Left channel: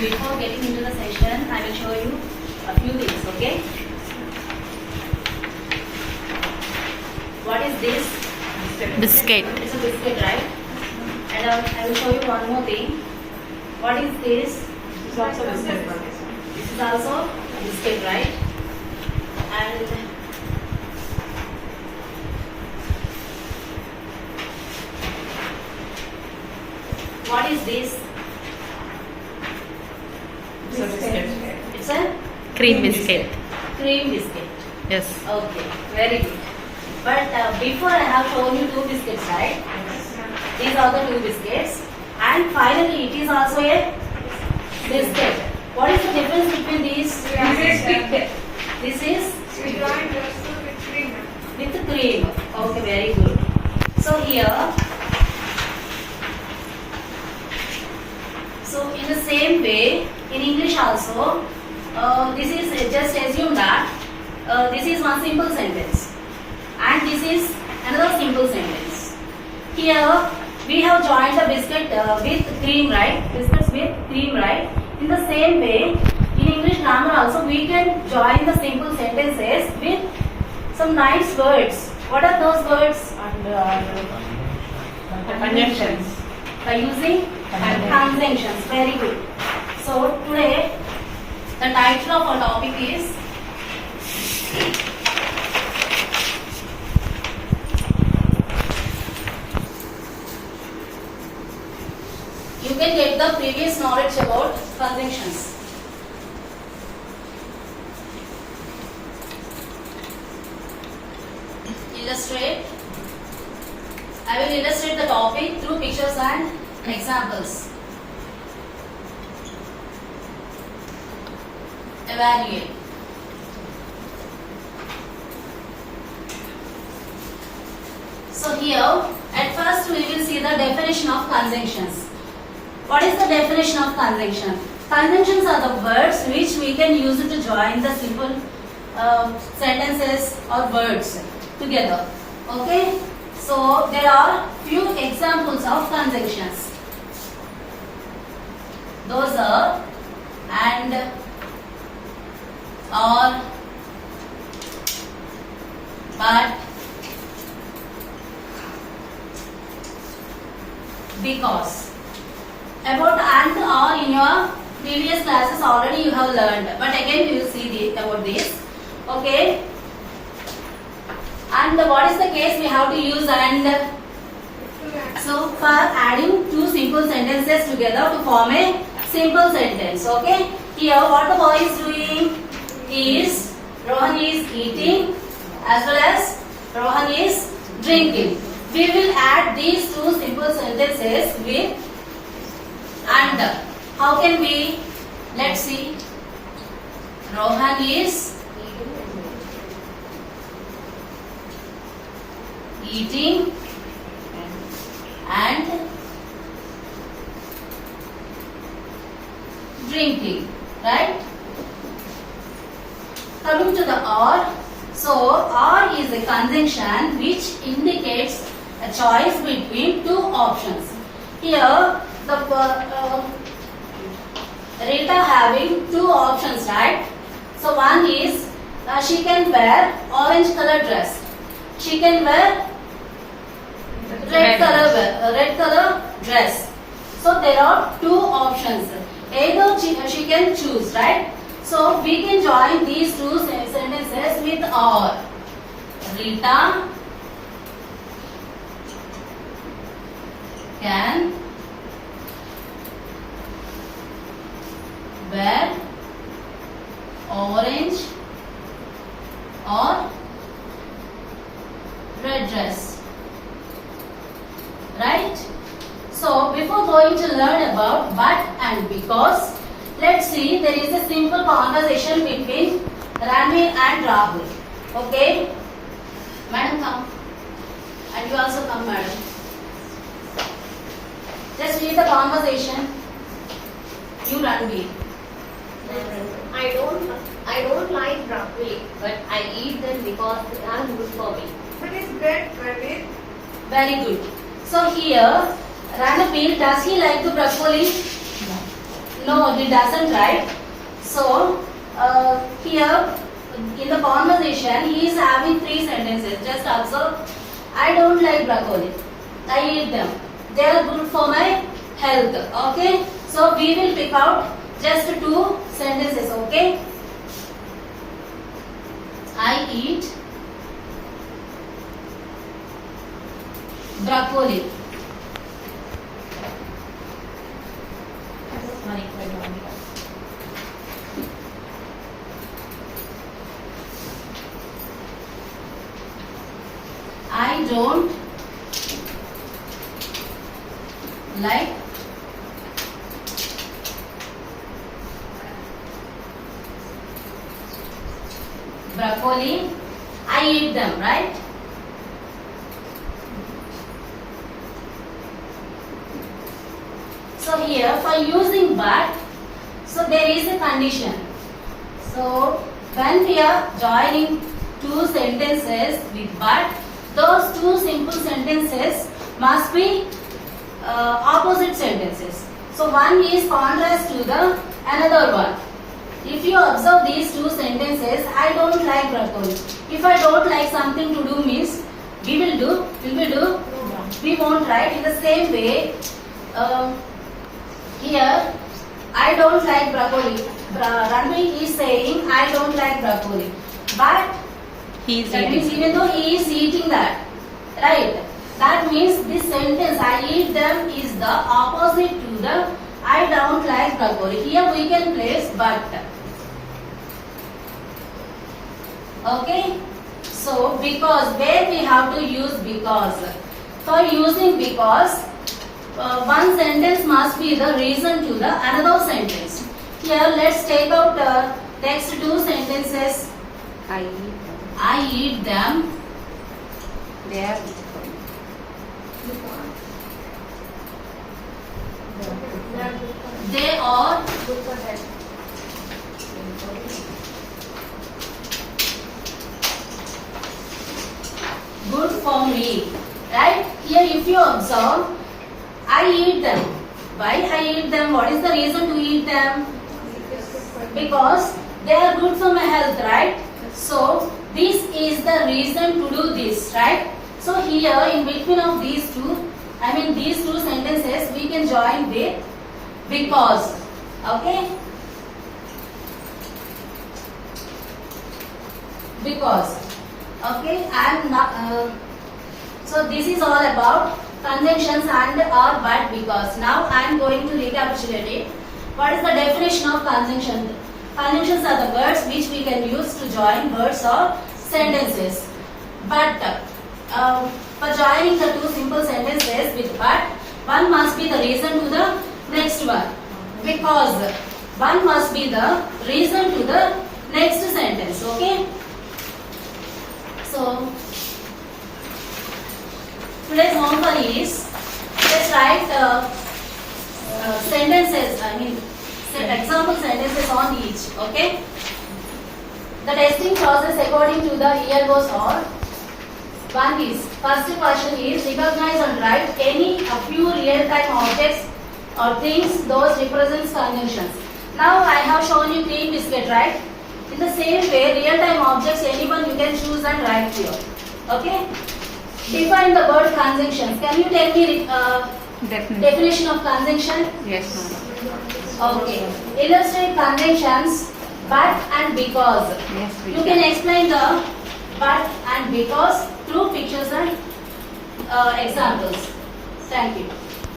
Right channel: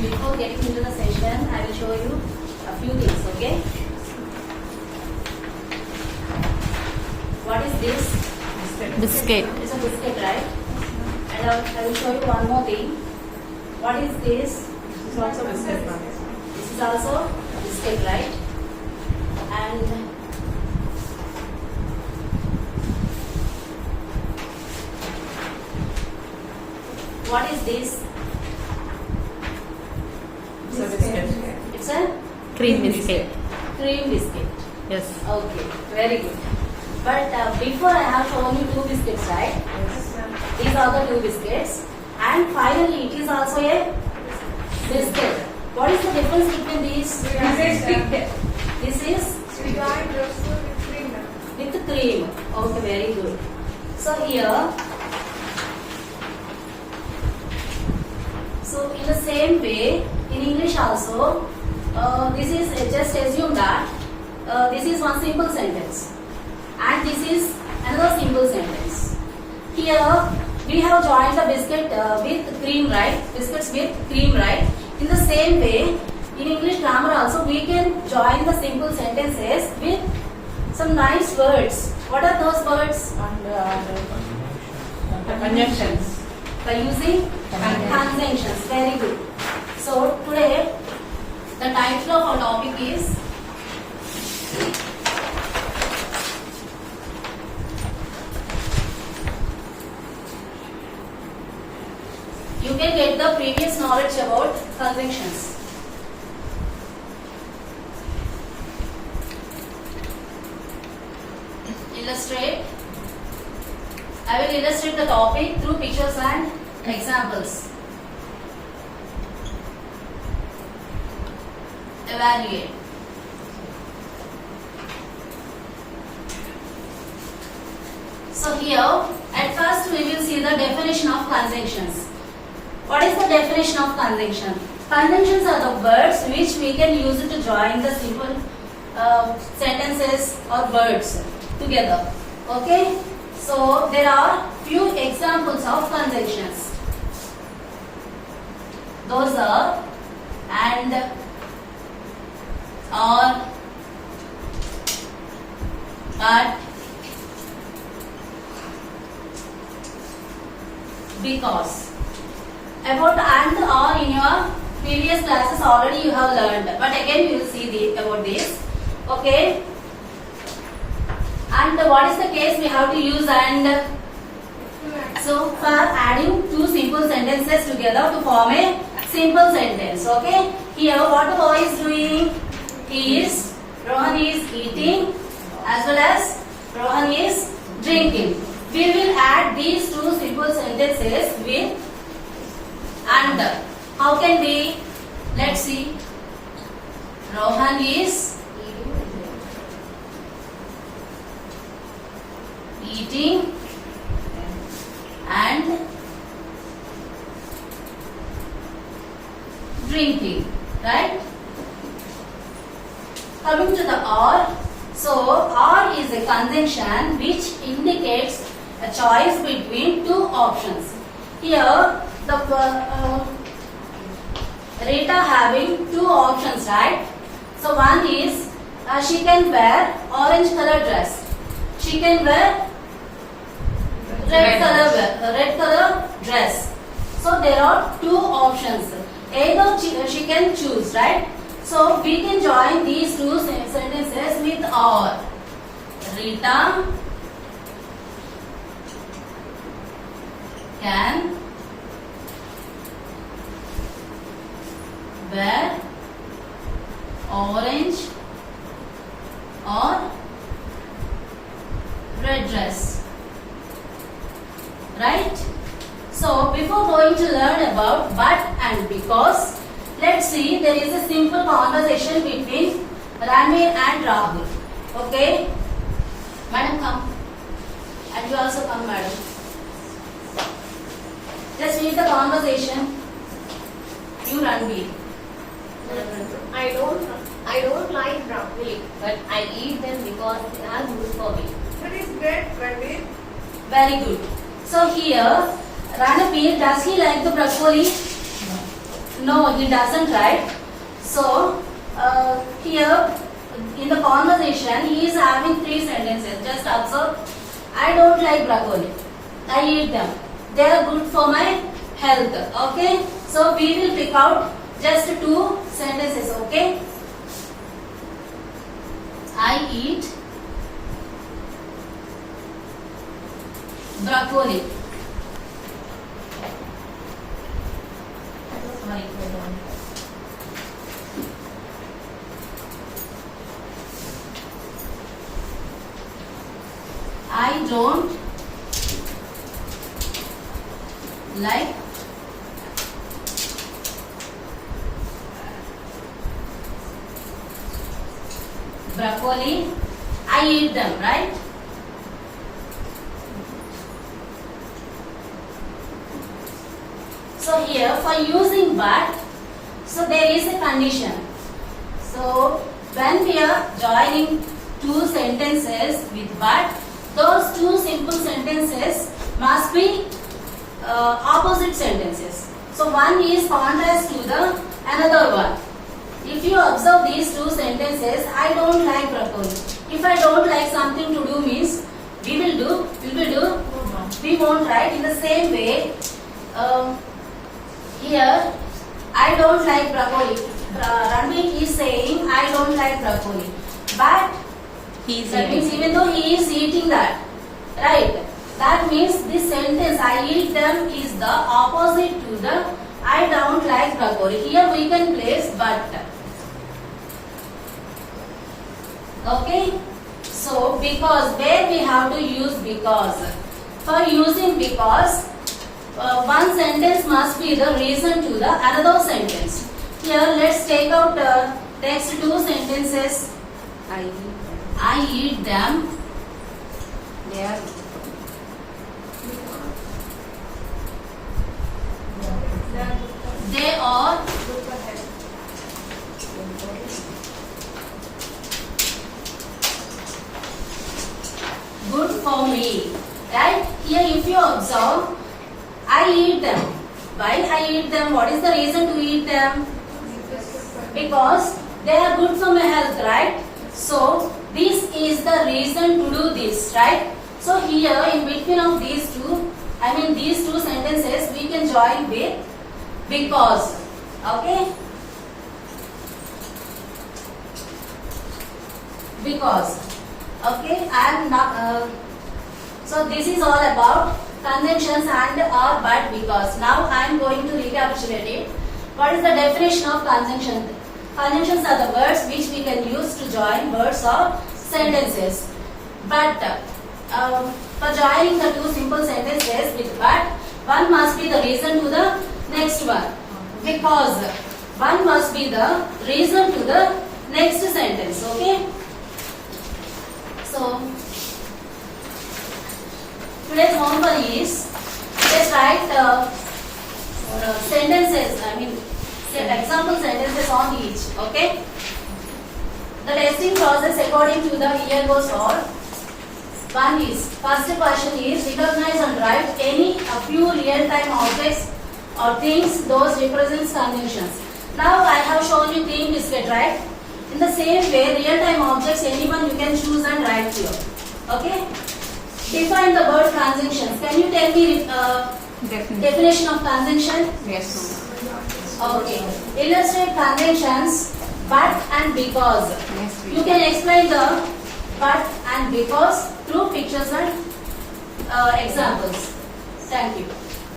before getting into the session, I will show you a few things, okay? What is this? Biscuit. It's a biscuit, right? And I will show you one more thing. What is this? This is also biscuit. This is also a biscuit, right? And what is this? It's a biscuit. It's a Cream biscuit. cream biscuit. Yes. Okay, very good. But before I have shown you two biscuits, right? These are the two biscuits. And finally, it is also a biscuit. What is the difference between these? This is with cream. Okay, very good. So here, so in the same way, in English also, this is just assume that this is one simple sentence, and this is another simple sentence. Here we have joined the biscuit with cream, right? Biscuits with cream, right? In the same way, in English grammar also, we can join the simple sentences with some nice words. What are those words? Conjunctions. By using conjunctions. Very good. So today, the title of our topic is you can get the previous knowledge about conjunctions. Illustrate. I will illustrate the topic through pictures and examples. Evaluate. So here, at first we will see the definition of conjunctions. What is the definition of conjunction? Conjunctions are the words which we can use to join the simple sentences or words together. Okay? So there are few examples of conjunctions. Those are and, or, but, because. About and or in your previous classes already you have learned, but again we will see about this. Okay. And what is the case we have to use and? So for adding two simple sentences together to form a simple sentence. Okay. Here what the boy is doing is Rohan is eating as well as Rohan is drinking. We will add these two simple sentences with and. How can we? Let's see. Rohan is eating and drinking, right? Coming to the or. So or is a conjunction which indicates a choice between two options. Here the Rita having two options, right? So one is she can wear orange color dress. She can wear red color dress. So there are two options. Either she can choose, right? So we can join these two sentences with or. Rita can wear orange or red dress, right? So before going to learn about but and because, let's see there is a simple conversation between Ranveer and Rahul. Okay, madam come, and you also come, madam. Just read the conversation. You Ranveer. I don't like broccoli, but I eat them because they are good for me. What is bread, Praveen? Very good. So here, Ranveer, does he like the broccoli? No, he doesn't, right? So, here in the conversation, he is having 3 sentences. Just observe. I don't like broccoli. I eat them. They are good for my health. Okay? So, we will pick out just 2 sentences. Okay? I eat broccoli. I don't like broccoli. I eat them, right? So here for using but, so there is a condition. So when we are joining 2 sentences with but, those 2 simple sentences must be opposite sentences. So one is contrast to the another one. If you observe these 2 sentences, I don't like broccoli. If I don't like something to do means we will do, we won't, right? In the same way, here I don't like broccoli. Ranveer is saying I don't like broccoli, but He's that means eating. even though he is eating that, right? That means this sentence I eat them is the opposite to the I don't like broccoli. Here we can place but. Okay? So because, where we have to use because. For using because, one sentence must be the reason to the another sentence. Here let's take out the next 2 sentences. I eat them. They are They are good for health. good for me. Right? Here if you observe, I eat them. Why I eat them? What is the reason to eat them? Because they are good for my health, right? So this is the reason to do this, right? So here in between of these 2, these 2 sentences we can join with because. Okay? Because. Okay? And so this is all about conjunctions and or but because. Now I am going to recapitulate it. What is the definition of conjunction? Conjunctions are the words which we can use to join words or sentences. But for joining the 2 simple sentences with but, one must be the reason to the next one. Because one must be the reason to the next sentence. Okay? So today's homework is, let's write sentences, example sentences on each. Okay? The testing process according to the year goes on. One is, first question is, recognize and write any a few real-time objects or things those represents conjunctions. Now I have shown you cream biscuit, right? In the same way, real-time objects, anyone you can choose and write here. Okay? Define the word conjunctions. Can you tell me Definitely. definition of conjunction? Yes. Okay. Illustrate conjunctions but and because. Yes, we You can explain the but and because through pictures and examples. Thank you.